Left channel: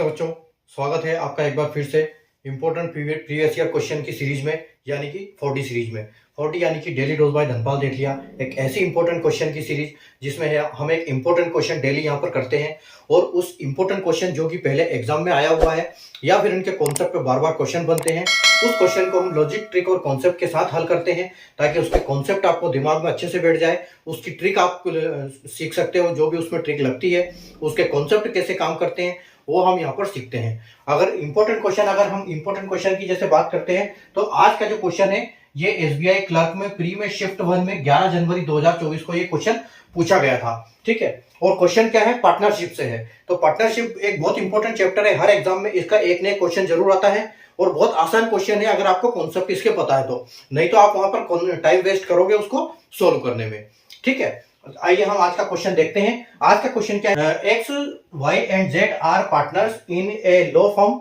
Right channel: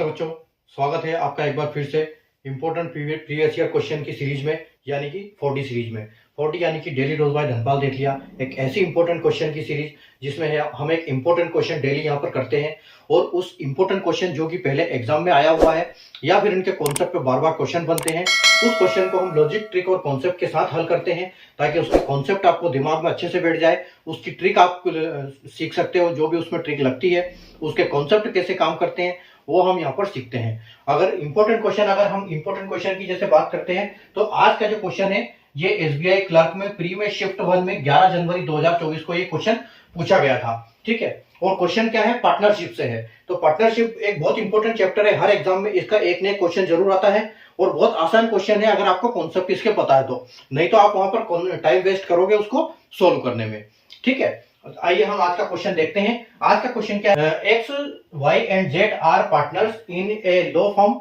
नमस्ते बच्चों, स्वागत है आपका एक बार फिर से इम्पोर्टेंट प्रीवियस ईयर क्वेश्चन की सीरीज में, यानी कि 40 सीरीज में। 40 यानी कि डेली डोज बाय धनपाल देख लिया, एक ऐसी इंपॉर्टेंट क्वेश्चन की सीरीज जिसमें हम एक इंपॉर्टेंट क्वेश्चन डेली यहाँ पर करते हैं और उस इंपॉर्टेंट क्वेश्चन जो कि पहले एग्जाम में आया हुआ है या फिर इनके कॉन्सेप्ट पे बार बार क्वेश्चन बनते हैं, उस क्वेश्चन को हम लॉजिक, ट्रिक और कॉन्सेप्ट के साथ हल करते हैं ताकि उसके कॉन्सेप्ट आपको दिमाग में अच्छे से बैठ जाए, उसकी ट्रिक आप सीख सकते हो, जो भी उसमें ट्रिक लगती है, उसके कॉन्सेप्ट कैसे काम करते हैं वो हम यहाँ पर सीखते हैं। अगर हम इंपॉर्टेंट क्वेश्चन की जैसे बात करते हैं तो आज का जो क्वेश्चन है ये एसबीआई क्लर्क में प्री में शिफ्ट 1 में 11 जनवरी 2024 को ये क्वेश्चन पूछा गया था। ठीक है, और क्वेश्चन क्या है, पार्टनरशिप से है। तो पार्टनरशिप एक बहुत इंपॉर्टेंट चैप्टर है, हर एग्जाम में इसका एक न एक क्वेश्चन जरूर आता है और बहुत आसान क्वेश्चन है अगर आपको कॉन्सेप्ट इसके पता है तो, नहीं तो आप वहां पर टाइम वेस्ट करोगे उसको सोल्व करने में। ठीक है, आइए हम आज का क्वेश्चन देखते हैं। आज का क्वेश्चन क्या है, X Y and Z are partners in a law firm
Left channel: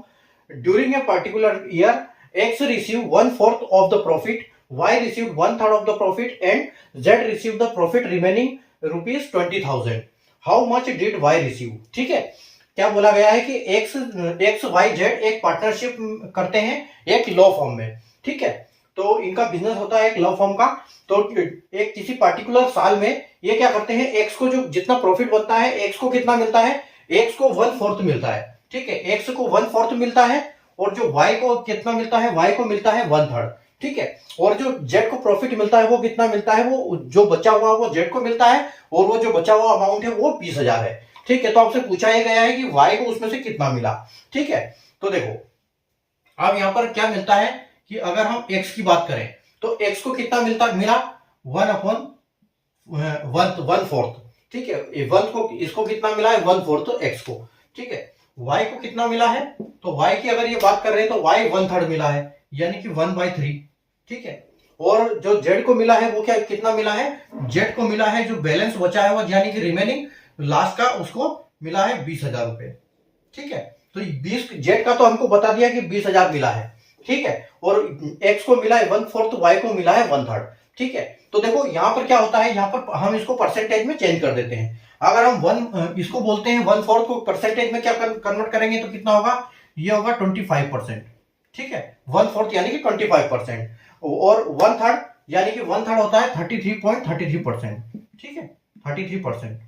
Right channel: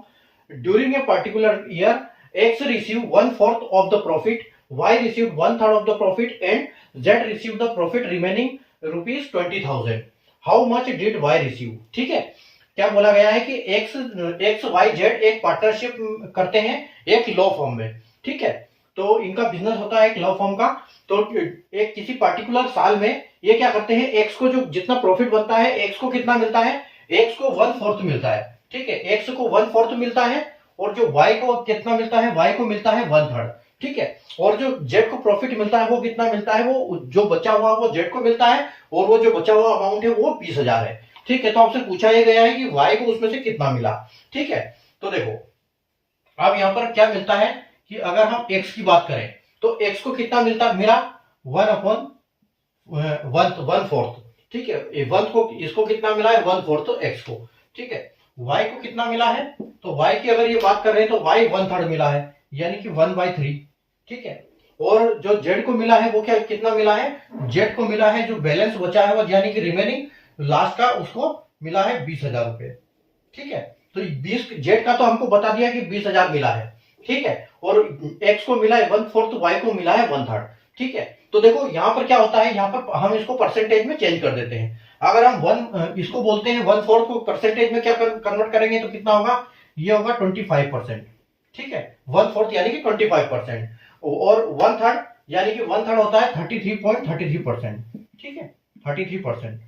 during a particular year. X receive 1/4 of the profit, Y receive 1/3 of the profit and Z receive the profit remaining ₹20,000। How much did Y receive. ठीक है, क्या बोला गया है कि X Y Z एक partnership करते हैं एक लॉ फर्म में। ठीक है, तो इनका बिजनेस होता है एक लॉ फर्म का। तो एक किसी पार्टिकुलर साल में ये क्या करते हैं, एक्स को जो जितना प्रॉफिट बनता है, एक्स को कितना मिलता है, एक्स को 1/4 मिलता है। ठीक है, एक्स को 1/4 मिलता है और जो वाई को कितना मिलता है, वाई को मिलता है 1/3। ठीक है, और जो जेड को प्रॉफिट मिलता है वो कितना मिलता है, वो जो बचा हुआ वो जेड को मिलता है और वो जो बचा हुआ अमाउंट है वो 20,000 है। ठीक है, तो आपसे पूछा यह गया है कि वाई को उसमें से कितना मिला। ठीक है, तो देखो अब यहां पर क्या मिलता है कि अगर हम x की बात करें तो x को कितना मिलता मेरा 1/1/4। ठीक है, वन को इसको कितना मिला है 1/4 x को। ठीक है, y को कितना मिला है, तो y की अगर ये बात कर रहे हैं तो y 1/3 मिला है, यानी कि 1/3। ठीक है, और जो z को मिला है वो क्या कितना मिला है, z को मिला है जो बैलेंस बचा है वो, यानी कि रिमेनिंग लास्ट का, उसको मिला है 20,000 रुपए। ठीक है, तो 20 जेड का तो हमको बता दिया कि 20,000 मिला है। ठीक है, और x को मिला है 1/4, y को मिला है 1/3। ठीक है, तो देखो यहां पर क्या होता है, यहां पर हम इसको परसेंटेज में चेंज कर देते हैं। अगर हम इसको बोलते हैं 1/4 को परसेंटेज में क्या कन्वर्ट करेंगे तो कितना होगा, ये होगा 25%। ठीक है, 1/4 यानी कि 25% और 1/3 यानी कि 1/3 होता है 33.33%। ठीक है, 33%।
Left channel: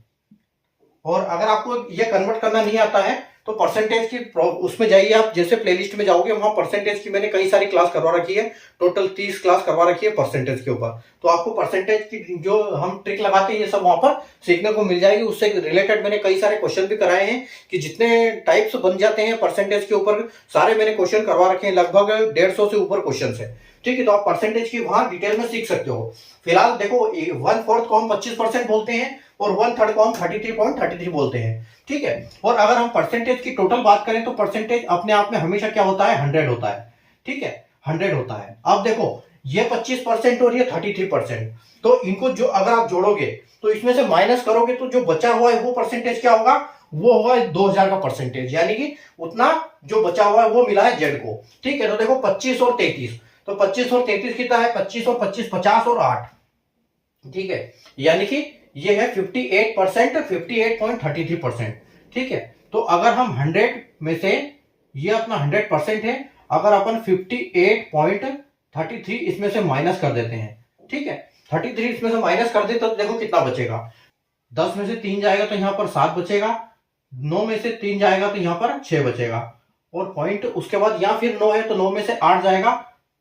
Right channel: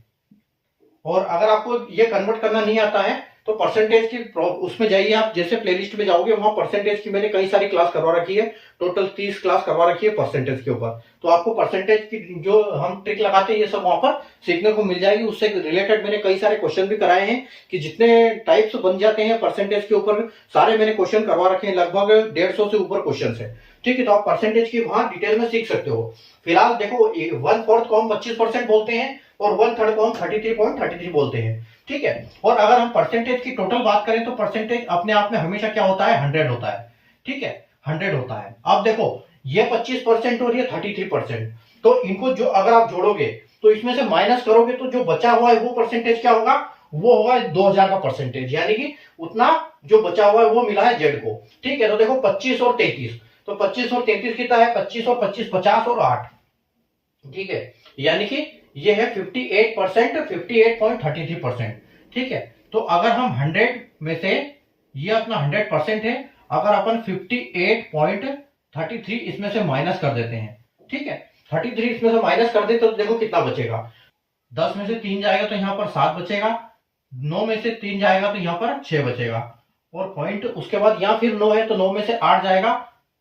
और अगर आपको ये कन्वर्ट करना नहीं आता है तो परसेंटेज की उसमें जाइए आप, जैसे प्लेलिस्ट में जाओगे वहां परसेंटेज की मैंने कई सारी क्लास करवा रखी है, टोटल 30 क्लास करवा रखी है परसेंटेज के ऊपर। तो आपको परसेंटेज की जो हम ट्रिक लगाते हैं ये सब वहां पर सीखने को मिल जाएगी। उससे रिलेटेड मैंने कई सारे क्वेश्चन भी कराए हैं कि जितने टाइप्स बन जाते हैं परसेंटेज के ऊपर सारे मैंने क्वेश्चन करवा रखे हैं, लगभग 150 से ऊपर क्वेश्चन है। ठीक है, तो आप परसेंटेज की वहां डिटेल में सीख सकते हो। फिलहाल देखो 1/4 को हम 25% बोलते हैं और 1/3 को हम 33.33 बोलते हैं। ठीक है, और अगर हम परसेंटेज की टोटल बात करें तो परसेंटेज अपने आप में हमेशा क्या होता है, 100 होता है। ठीक है, 100 होता है। अब देखो ये 25% और ये 33%, तो इनको जो अगर आप जोड़ोगे तो इसमें से माइनस करोगे तो जो बचा हुआ है वो परसेंटेज क्या होगा, वो होगा 2,000 का परसेंटेज, यानी कि उतना जो बचा हुआ है वो मिला है जेड को। ठीक है, तो देखो 25 और 33, तो 25 और 33 कितना है, 25 और 25 50 और 8। ठीक है, यानी कि ये है 58%, 58.33%। ठीक है, तो अगर हम 100 में से ये अपना 100% है, अगर अपन 58.33 इसमें से माइनस कर देते हैं। ठीक है, 33 इसमें से माइनस कर देते तो देखो कितना बचेगा, 10 में से 3 जाएगा तो यहां पर 7 बचेगा, 9 में से 3 जाएगा तो यहां पर 6 बचेगा, और पॉइंट उसके बाद यहाँ फिर 9 है तो 9 में से 8 जाएगा,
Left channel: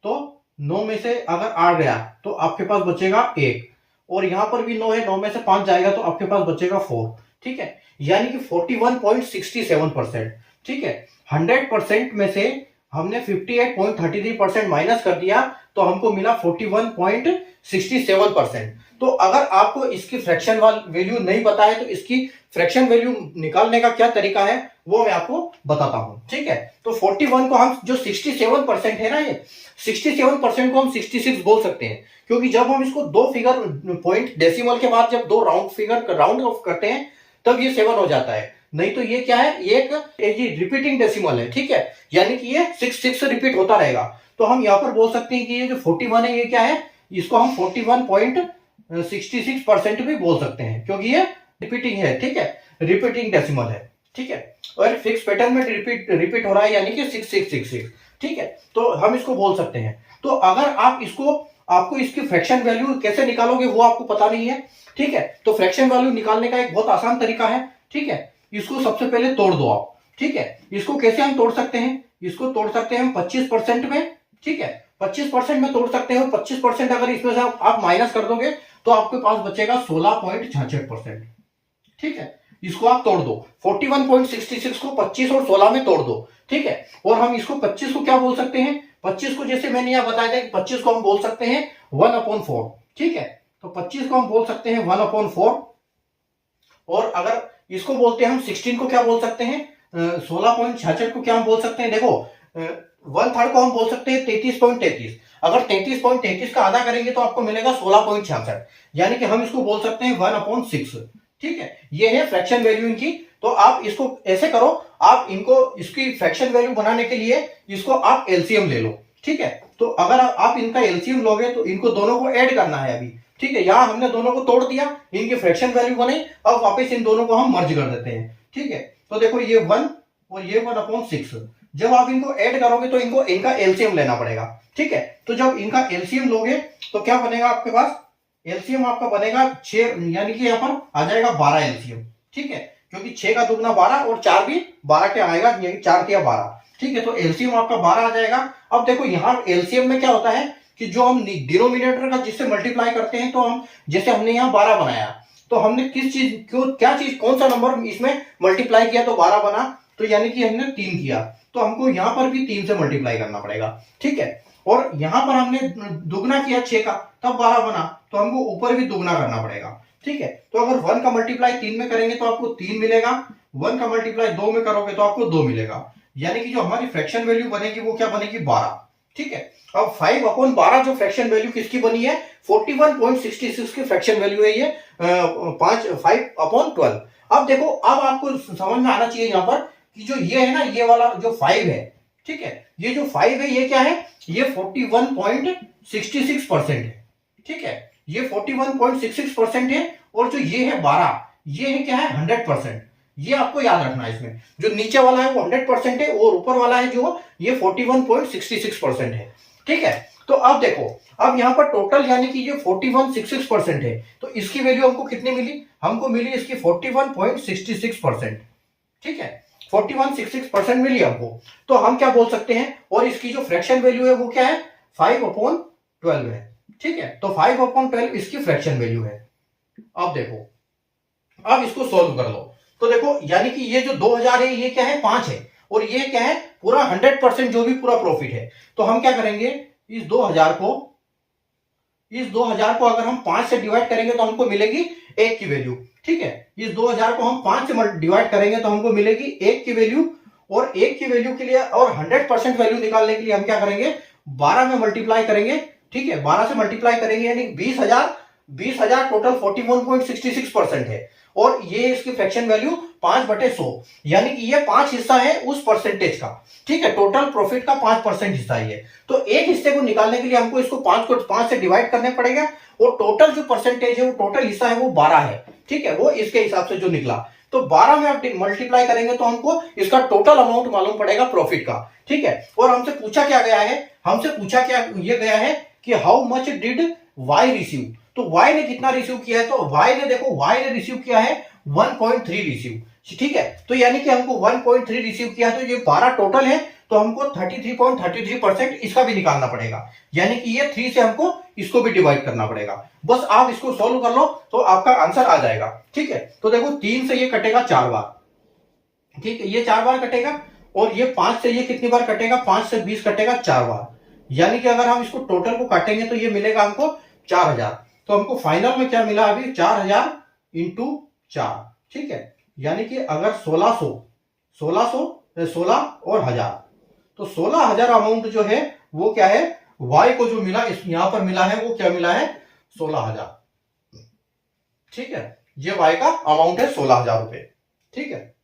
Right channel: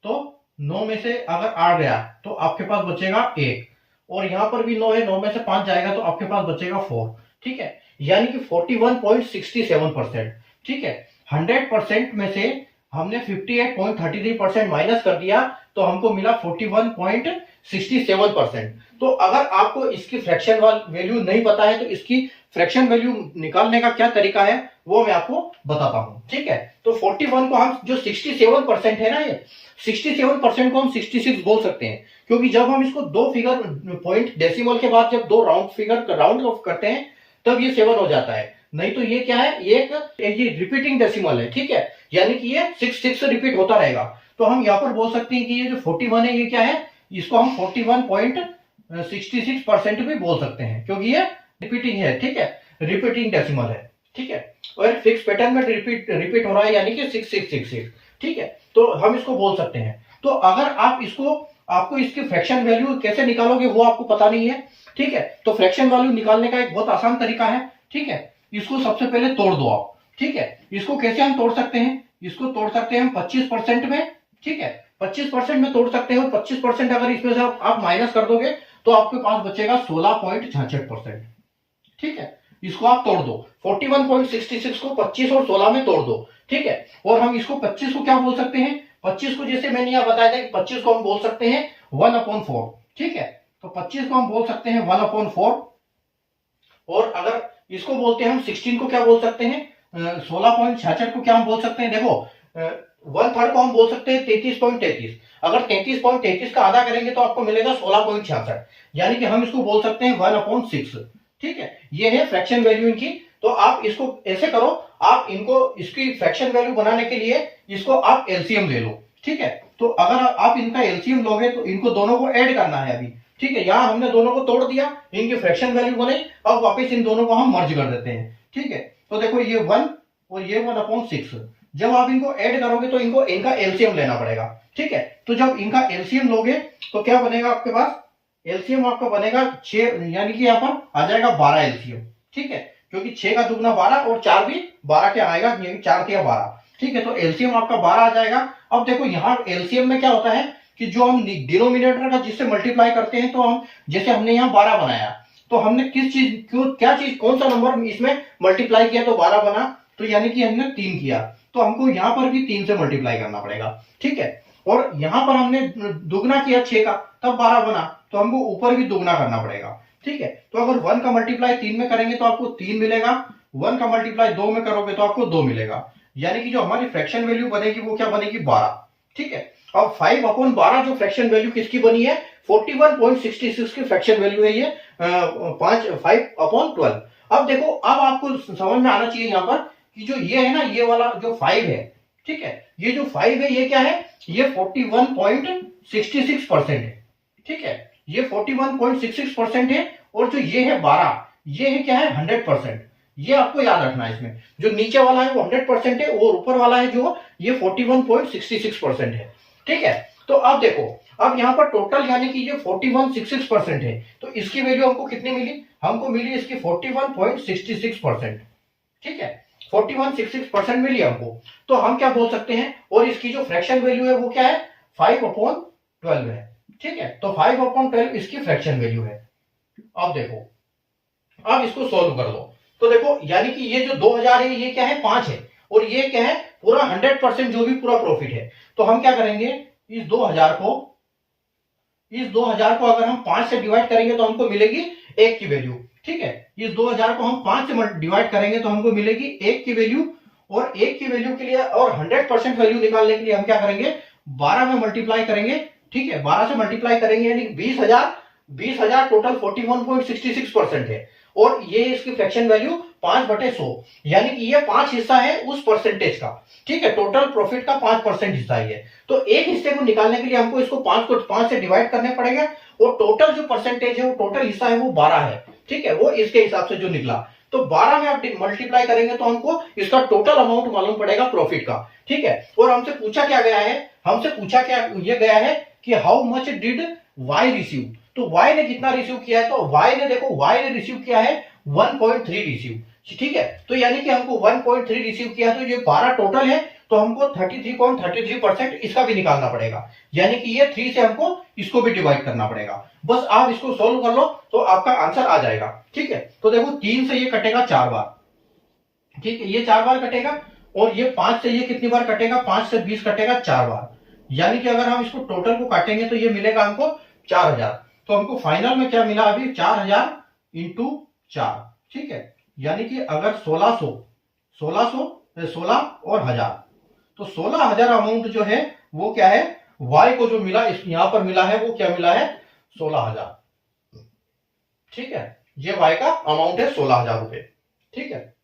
तो 9 में से अगर 8 गया तो आपके पास बचेगा 1, और यहां पर भी 9 है, 9 में से 5 जाएगा तो आपके पास बचेगा 4। ठीक है, यानी कि 41.67%। ठीक है, 100% में से हमने 58.33% माइनस कर दिया तो हमको मिला 41.67%। तो अगर आपको इसकी फ्रैक्शन वैल्यू नहीं पता है तो इसकी फ्रैक्शन वैल्यू निकालने का क्या तरीका है वो मैं आपको बताता हूं। ठीक है, तो 41 को हम जो 67% है ना, ये 67% को हम 66 बोल सकते हैं, क्योंकि जब हम इसको दो फिगर पॉइंट डेसिमल के बाद जब दो राउंड फिगर राउंड ऑफ करते हैं तब ये 7 हो जाता है, नहीं तो ये क्या है, ये रिपीटिंग डेसिमल है। ठीक है, यानी कि ये 6 रिपीट होता रहेगा। तो हम यहाँ पर बोल सकते हैं कि ये जो 41 है ये क्या है, इसको हम 41.66% भी बोल सकते हैं, क्योंकि ये रिपीटिंग है। ठीक है, रिपीटिंग डेसिमल है। ठीक है, और फिक्स पैटर्न में रिपीट हो रहा है यानी कि 6666, ठीक है। तो हम इसको बोल सकते हैं। तो अगर आप इसको, आपको इसकी फ्रैक्शन वैल्यू कैसे निकालोगे वो आपको पता नहीं है, ठीक है। तो फ्रैक्शन वैल्यू निकालने का एक बहुत आसान तरीका है, ठीक है। इसको सबसे पहले तोड़ दो आप, ठीक है। इसको कैसे हम तोड़ सकते हैं, इसको तोड़ सकते हैं हम 25% में, ठीक है। 25% में तोड़ सकते हैं, और 25% अगर इसमें से आप माइनस कर दोगे तो आपके पास बचेगा 16.66%, ठीक है। इसको आप तोड़ दो, 41.66 को 25 और 16 में तोड़ दो, ठीक है। और हम इसको 25 को क्या बोल सकते हैं, 25 को जैसे मैंने यहां बताया था, 25 को हम बोल सकते हैं 1/4, ठीक है। तो 25 को हम बोल सकते हैं 1/4, और अगर इसको बोलते हैं हम 16 को क्या बोल सकते हैं, 16.66 को क्या हम बोल सकते हैं, देखो 1/3 को हम बोल सकते हैं 33.33। अगर 33.33 का आधा करेंगे तो आपको मिलेगा 16.66, यानी कि हम इसको बोल सकते हैं 1/6, ठीक है। ये है फ्रैक्शन वैल्यू इनकी। तो आप इसको ऐसे करो, आप इनको इसकी फ्रैक्शन वैल्यू बनाने के लिए इसको आप एलसीएम ले लो, ठीक है। तो अगर आप इनका एलसीएम लोगे तो इनको दोनों को ऐड करना है अभी, ठीक है। यहां हमने दोनों को तोड़ दिया, इनकी फ्रैक्शन वैल्यू बने, अब वापस इन दोनों को हम मर्ज कर देते हैं, ठीक है। तो देखो ये 1 और ये 1/6, जब आप इनको ऐड करोगे तो इनको इनका एलसीएम लेना पड़ेगा, ठीक है। तो जब इनका एलसीएम लोगे तो क्या बनेगा आपके पास, एलसीएम आपका बनेगा 6, यानी कि यहाँ पर आ जाएगा 12 एलसीएम, ठीक है। क्योंकि 6 का दुगना 12 और 4 भी 12 के आएगा, 4 के 12, ठीक है। तो एलसीएम आपका 12 आ जाएगा। अब देखो यहाँ एलसीएम में क्या होता है कि जो हम डिनोमिनेटर का जिससे मल्टीप्लाई करते हैं, तो हम जैसे हमने यहाँ 12 बनाया, तो हमने किस चीज, क्यों, क्या चीज, कौन सा नंबर इसमें मल्टीप्लाई किया तो 12 बना, तो यानी कि हमने 3 किया, तो हमको यहाँ पर भी 3 से मल्टीप्लाई करना पड़ेगा, ठीक है। और यहाँ पर हमने दुगना किया 6 का, तब 12 बना, तो हमको ऊपर भी दुगना करना पड़ेगा, ठीक है। तो अगर 1 का मल्टीप्लाई 3 में करेंगे तो आपको 3 मिलेगा, 1 का मल्टीप्लाई 2 में करोगे तो आपको 2 मिलेगा, यानी कि जो हमारी फ्रैक्शन वैल्यू बनेगी वो क्या बनेगी, 12, ठीक है। अब 5/12 जो फ्रैक्शन वैल्यू किसकी बनी है, 41.66 की फ्रैक्शन वैल्यू है ये, 5/12। अब देखो, अब आपको समझ में आना चाहिए यहाँ पर कि जो ये है ना, ये वाला जो 5 है, ठीक है, ये जो 5 है ये क्या है, ये 41.66% है, ठीक है। ये 41.66% है, और जो ये है 12, ये है क्या है, 100%। ये आपको याद रखना है, इसमें जो नीचे वाला है वो 100% है, और ऊपर वाला है जो ये 41.66% है, ठीक है। तो अब देखो, अब यहाँ पर टोटल यानी कि ये 41.66% है, तो इसकी वैल्यू हमको कितनी मिली, हमको मिली इसकी 41.66%, ठीक है। 41.66% मिली हमको। तो हम क्या बोल सकते हैं, और इसकी जो फ्रैक्शन वैल्यू है वो क्या है, 5/12 है, ठीक है। तो 5/12 इसकी फ्रैक्शन वैल्यू है। अब देखो, अब इसको सोल्व कर लो, तो देखो यानी कि ये जो 2000 है ये क्या है, 5 है, और ये क्या है, पूरा 100% जो भी पूरा प्रॉफिट है। तो हम क्या करेंगे, इस 2000 को अगर हम 5 से डिवाइड करेंगे तो हमको मिलेगी 1 की वैल्यू, ठीक है। इस 2000 को हम 5 से डिवाइड करेंगे तो हमको मिलेगी 1 की वैल्यू, और 1 की वैल्यू के लिए और 100% वैल्यू निकालने के लिए हम क्या करेंगे, 12 में मल्टीप्लाई करेंगे, ठीक है। 12 से मल्टीप्लाई करेंगे यानी 20,000 टोटल 41.66% है, और ये इसकी फ्रैक्शन वैल्यू 5/100, यानी कि ये 5 हिस्सा है उस परसेंटेज का, ठीक है। टोटल प्रॉफिट का 5% हिस्सा ही है। तो एक हिस्से को निकालने के लिए हमको इसको 5 से डिवाइड करने पड़ेगा, और टोटल जो परसेंटेज है वो टोटल हिस्सा है वो 12 है, ठीक है। वो इसके हिसाब से जो निकला, तो 12 में आप मल्टीप्लाई करेंगे तो हमको इसका टोटल अमाउंट मालूम पड़ेगा प्रॉफिट का, ठीक है। और हमसे पूछा क्या गया है, हमसे पूछा क्या ये गया है कि how much did Y receive, तो वाई ने कितना रिसीव किया है, तो वाई ने, देखो वाई ने रिसीव किया है 1.3 रिसीव, ठीक है। तो यानी कि हमको 1.3 रिसीव किया, तो ये 12 टोटल है, तो हमको 33.33% इसका भी निकालना पड़ेगा, यानी कि ये 3 से हमको इसको भी डिवाइड करना पड़ेगा। बस आप इसको सोल्व कर लो तो आपका आंसर आ जाएगा, ठीक है। तो देखो 3 से ये कटेगा 4 बार, ठीक है, ये 4 बार कटेगा, और ये 5 से ये कितनी बार कटेगा, 5 से 20 कटेगा 4 बार, यानी कि अगर हम इसको टोटल को काटेंगे तो ये मिलेगा हमको 4000। तो हमको फाइनल में क्या मिला अभी, 4000 इंटू 4, ठीक है। यानी कि अगर 16 और 1000, तो 16,000 अमाउंट जो है वो क्या है, वाई को जो मिला, इस यहां पर मिला है वो क्या मिला है, 16,000, ठीक है। ये वाई का अमाउंट है 16,000 रुपए, ठीक है।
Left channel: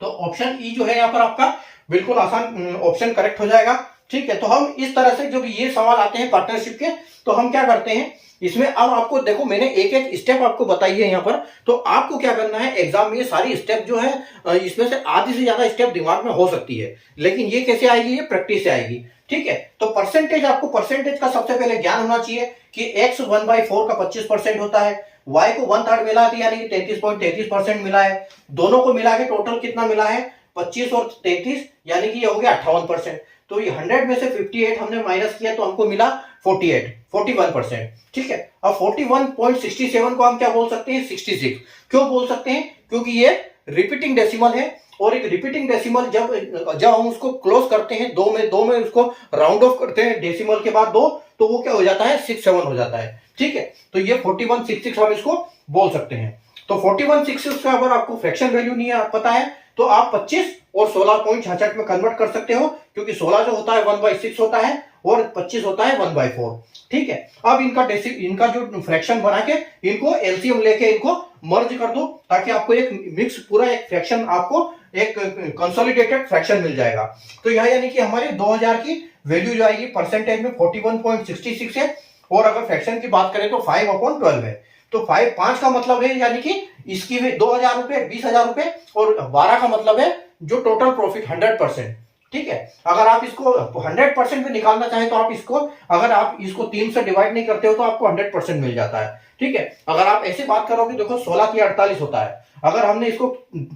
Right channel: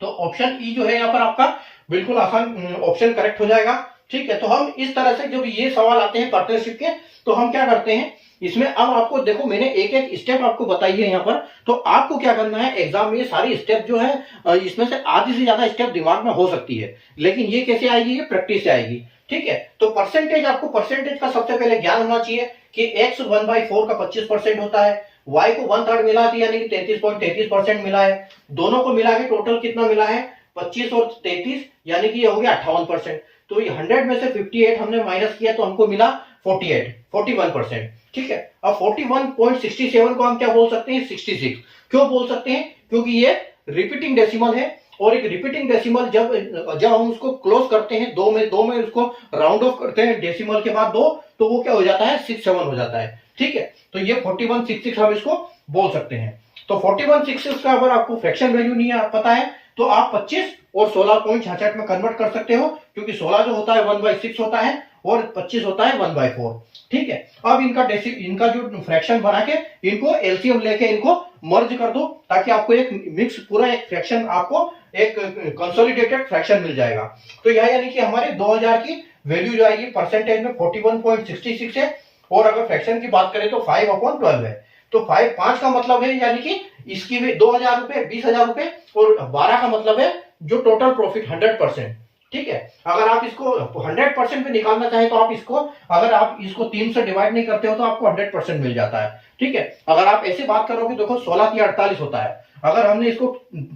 तो ऑप्शन ई जो है यहाँ पर आपका बिल्कुल आसान ऑप्शन करेक्ट हो जाएगा। ठीक है, तो हम इस तरह से जब ये सवाल आते हैं पार्टनरशिप के, तो हम क्या करते हैं इसमें, अब आपको देखो मैंने एक एक स्टेप आपको बताई है यहाँ पर, तो आपको क्या करना है एग्जाम में ये सारी स्टेप जो है इसमें से आधी से ज्यादा स्टेप दिमाग में हो सकती है, लेकिन ये कैसे आएगी, ये प्रैक्टिस से आएगी। ठीक है, तो परसेंटेज, आपको परसेंटेज का सबसे पहले ज्ञान होना चाहिए कि x 1/4 का 25% होता है, y को 1/3 मिला है यानी कि 33.33% मिला है, दोनों को मिला के टोटल कितना मिला है 25 और 33 यानी कि ये हो गया 58%। तो ये 100 में से 58 हमने माइनस किया तो हमको मिला 41%। ठीक है, अब 41.67 को हम क्या बोल सकते हैं 66। क्यों बोल सकते हैं, क्योंकि ये रिपीटिंग डेसिमल है, और एक रिपीटिंग डेसिमल जब हम उसको क्लोज करते हैं दो में उसको राउंड ऑफ करते हैं डेसिमल के बाद 2, तो वो क्या हो जाता है 67 हो जाता है। ठीक है, तो ये 4166 हम इसको बोल सकते हैं। तो 4166 का अगर आपको फ्रैक्शन वैल्यू नहीं पता है तो आप 25 और 16.66 में कन्वर्ट कर सकते हो, क्योंकि 16 जो होता है 1/6 होता है और 25 होता है 1/4। ठीक है, अब इनका जो फ्रैक्शन बना के इनको एलसीएम लेके इनको मर्ज कर दो, ताकि आपको एक मिक्स पूरा एक फ्रैक्शन, आपको एक कंसोलिडेटेड फ्रैक्शन मिल जाएगा। तो यह यानी कि हमारे 2000 की वैल्यू जो आएगी परसेंटेज में 41.66 है, और अगर फ्रैक्शन की बात करें तो 5/12 है। तो 5 का मतलब है यानी कि इसकी 2000 रुपए, 20,000 रुपए, और 12 का मतलब है जो टोटल प्रॉफिट 100%। ठीक है, अगर आप इसको 100% पे निकालना चाहें तो आप इसको, अगर आप इसको 3 से डिवाइड नहीं करते हो तो आपको 100% मिल जाता है। ठीक है, अगर आप ऐसे बात करोगे, देखो 16 की 48 होता है, अगर हमने इसको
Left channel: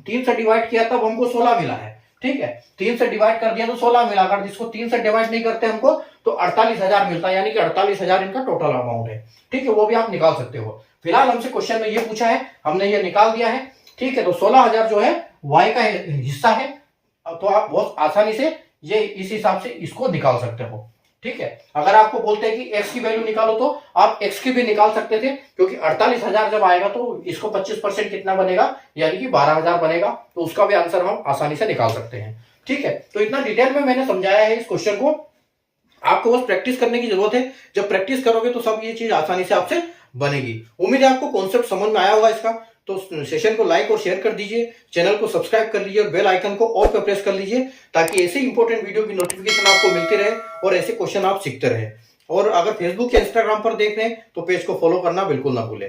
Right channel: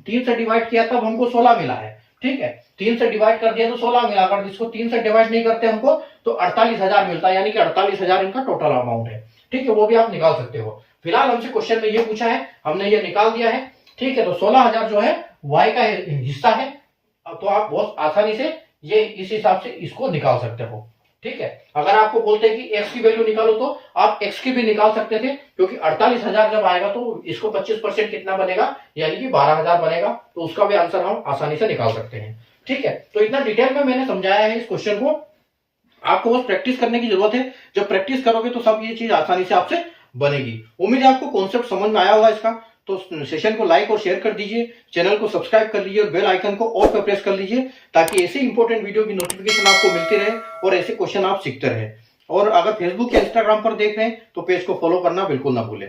3 से डिवाइड किया तब हमको 16 मिला है। ठीक है, 3 से डिवाइड कर दिया तो 16 मिला, अगर इसको 3 से डिवाइड नहीं करते हमको तो 48,000 मिलता है, यानी कि 48,000 इनका टोटल अमाउंट है। ठीक है, वो भी आप निकाल सकते हो। फिलहाल हमसे क्वेश्चन में ये पूछा है, हमने ये निकाल दिया है। ठीक है, तो 16,000 जो है y का हिस्सा है, तो आप बहुत आसानी से ये इस हिसाब से इसको निकाल सकते हो। ठीक है, अगर आपको बोलते हैं कि x की वैल्यू निकालो तो आप x की भी निकाल सकते थे, क्योंकि 48,000 जब आएगा तो इसको 25% कितना बनेगा, यानी कि 12,000 बनेगा, तो उसका भी आंसर हम आसानी से निकाल सकते हैं। ठीक है, तो इतना डिटेल में मैंने समझाया है इस क्वेश्चन को, आपको बस प्रैक्टिस करने की जरूरत है। जब प्रैक्टिस करोगे तो सब ये चीज आसानी से आपसे बनेगी। उम्मीद है आपको कॉन्सेप्ट समझ में आया होगा इसका। तो सेशन को लाइक और शेयर कर दीजिए, चैनल को सब्सक्राइब कर लीजिए और बेल आइकन को ऑल पे प्रेस कर लीजिए, ताकि ऐसे इंपॉर्टेंट वीडियो की नोटिफिकेशन आपको मिलती रहे और ऐसे क्वेश्चन आप सीखते रहे। और अगर फेसबुक या इंस्टाग्राम पर देख रहे हैं तो पेज को फॉलो करना बिल्कुल ना भूलें।